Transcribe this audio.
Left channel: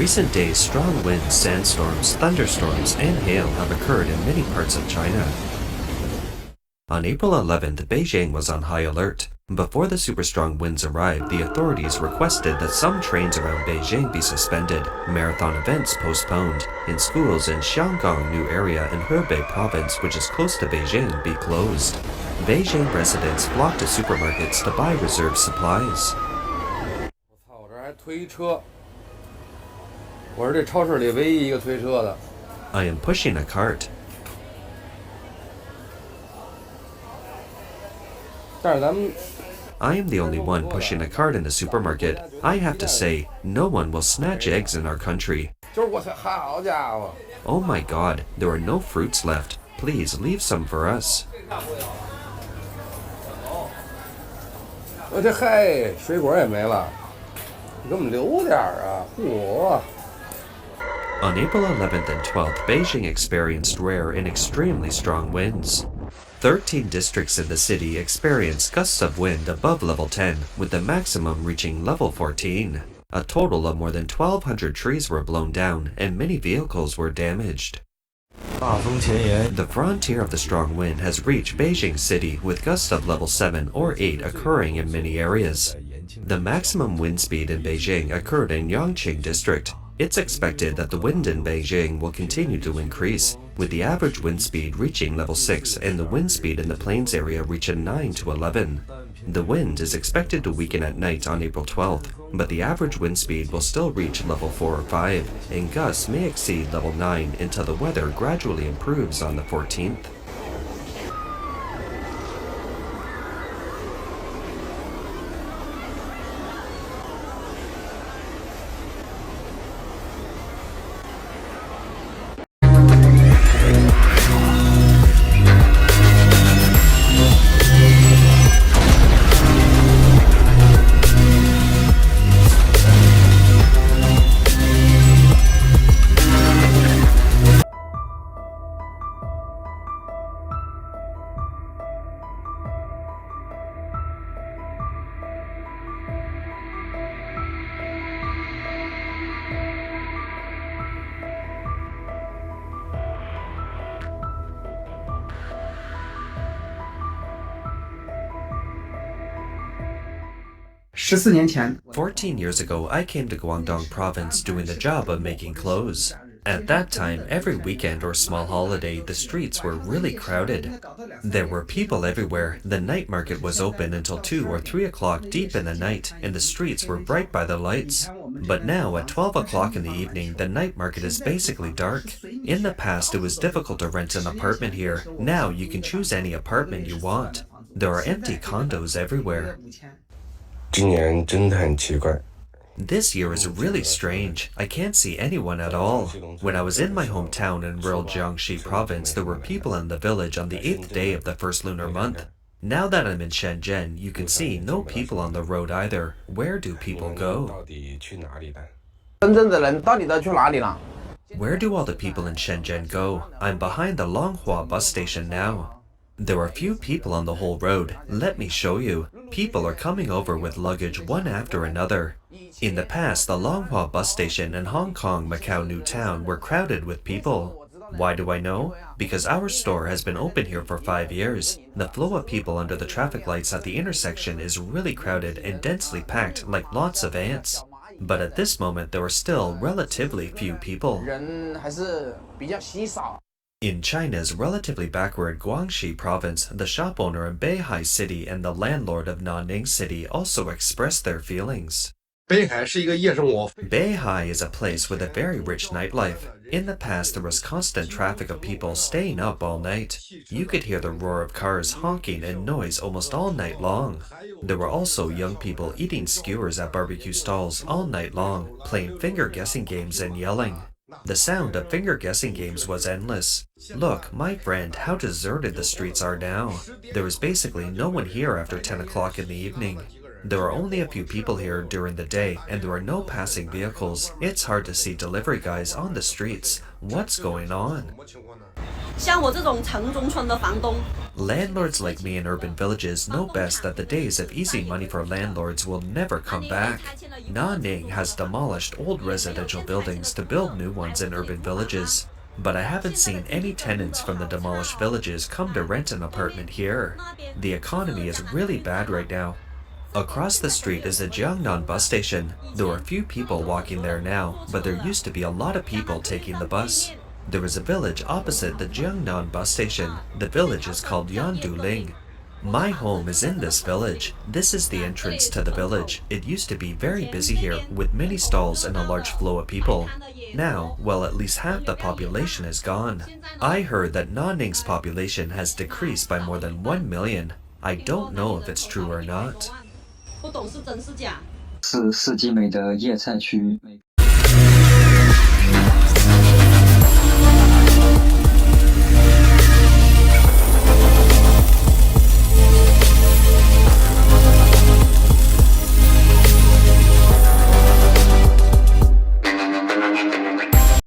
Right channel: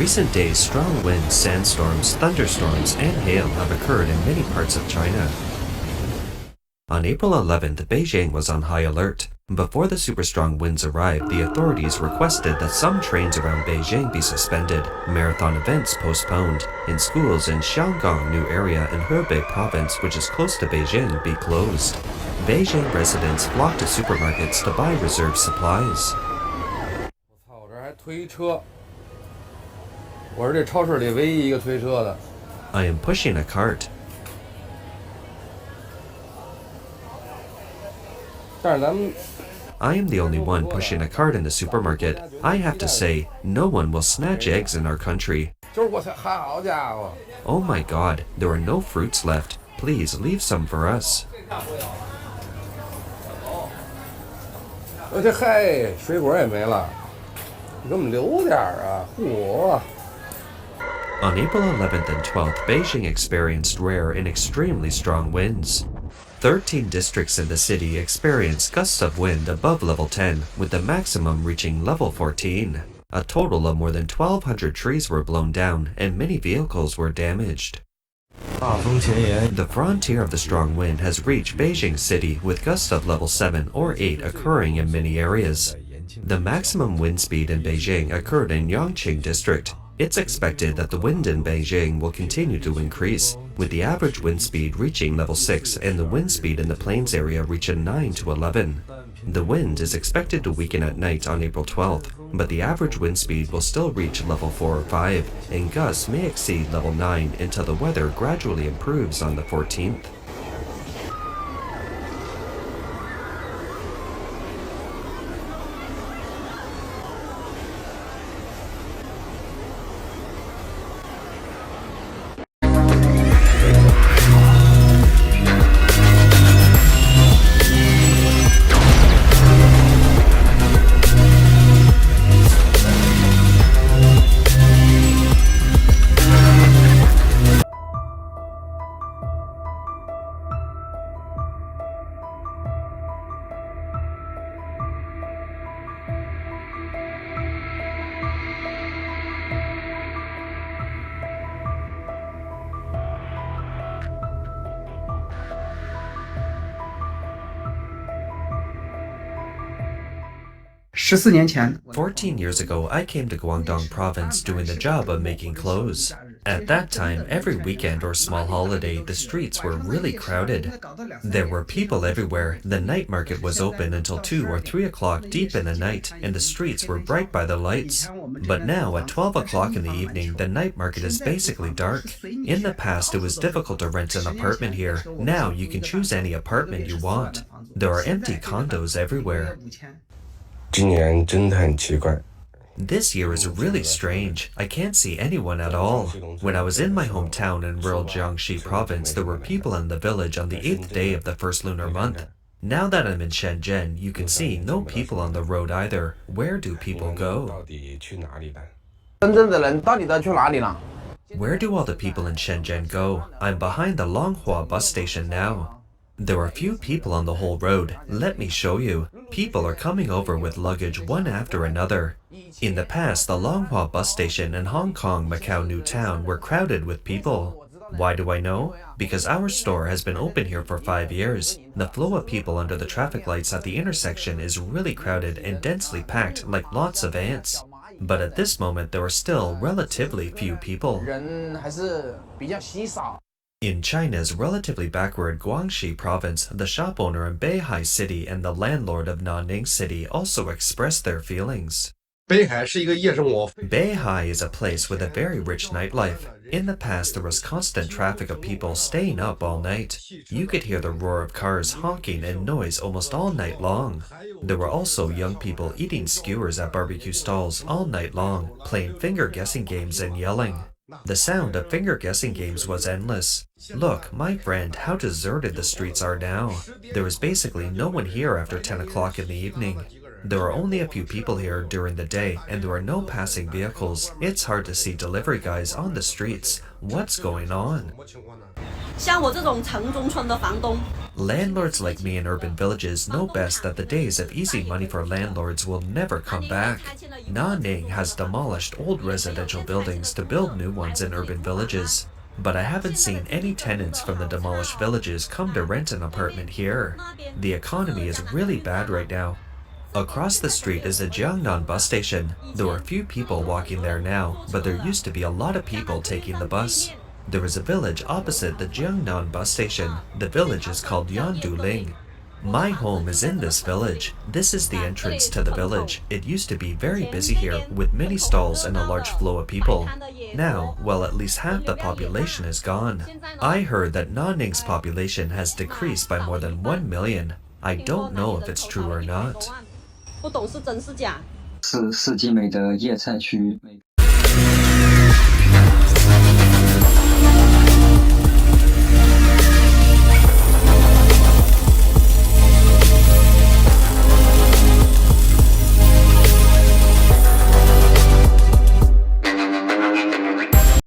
recent days, strong winds, sandstorms, thunderstorms, and hail have occurred in many parts of China. On April 11th, Beijing was on high alert. Before the super strong winds arrived, the authorities requested that some trains around Beijing be suspended, marathon events postponed, and schools in Xianggang New Area in Hebei province, which is close to Beijing, be closed. Beijing residents flocked to supermarkets to buy reserve supplies. 我这还推车，我是这超市里唯一一个推车的。 I am pushing a cart. 但是咱们 I am the only one pushing a cart in the supermarket. I have to say, no one will snatch eggs in our country. 就是我操，好家伙！ Oh my god, there are no fruits left. Please leave some for us. 我这嗨，水果也没了，你给我们留点啊！嚯！ On April 11th and 12th, Beijing experienced rare and extremely strong winds. 13 districts in the city experienced gusts of wind above level 10, with the maximum reaching level 14. A total of more than 1,200 trees were blown down, and many vehicles were damaged. The frontier of the strong wind has reached Beijing City, with gusts of level 7 or 8 occurring in many areas. The maximum wind speed in Beijing occurred in Yangqing District. It's expected that the wind in Beijing will continue to increase, with the average wind speed reaching level 6 and the wind speed in the plains area reaching 9 to 11. The wind is expected to weaken at night on April 12th, but the average wind speed will still reach level 4 or 5, and gusts may exceed level 9 until the weather gradually improves on the 14th. "14 14 years ago, I came to Guangdong province doing the job of making clothes. At that time, every weekend or small holiday, the streets were really crowded. There were people everywhere. The night market was open until 2 or 3 o'clock deep in the night, and the streets were bright by the lights. But now, at 12 o'clock in the evening, the night market is basically dark. In the past, it was difficult to rent an apartment here. Now, you can choose any apartment you want. There are empty condos everywhere. 今年真的很奇怪。 This year is really strange. I can't see anyone at all. When I was in my hometown in rural Jiangxi province, there were people in the village on the 8th day of the first lunar month. Now that I'm in Shenzhen, you can see no people on the road either. Where do people go? 到底去哪里了？ 深圳的人到底都去哪里了？ Where do all the people in Shenzhen go? I'm behind the Longhua bus station now. There are few people on the whole road. Let me show you. People are coming over with luggage one after another. In the past, the Longhua bus station in Hong Kong, Macau New Town were crowded with people. Why do I know? Because our store has been open here for 5 years. The flow of people under the traffic lights at the intersection is really crowded and densely packed like lots of ants. But at this moment, there are still relatively few people. 人还是比较稀少。 In China's relatively backward Guangxi province, the shop owner in Beihai City and the landlord of Nanning City also expressed their feelings. 北海是一个夜生活。 Beihai is a place with a very rich nightlife. In the past, there was constant traffic of people staying up all night. You could hear the roar of cars honking and noise almost all night long. There were also young people eating skewers at barbecue stalls all night long, playing finger-guessing games and yelling. The sound of finger-guessing games was endless. Look, my friend, how deserted the streets are now. There is basically no one here after 10 o'clock in the evening. There are only a few people here during the day, and there are no passing vehicles. It's hard to see delivery guys on the streets. What's going on? 像我这种城中村的房东， Landlords like me in urban villages know best that the days of easy money for landlords will never come back. Nanning has demolished old residential buildings to build new ones in urban villages. But I haven't seen any tenants from the demolished villages come to rent an apartment here. The economy is really bad right now. Across the street is the Jiangnan bus station. There are few people walking there now, but there used to be a lot of people taking the bus. There is a village opposite the Jiangnan bus station. The village is called Yanduling. My home is in this village. This is the entrance to the village. It used to be very busy here, with many stalls and a large flow of people. Now, well, at least half the population is gone. I heard that Nanning's population has decreased by more than 1 million. I don't know if it's true or not. 不懂是真是假。是世纪美的叶菜区。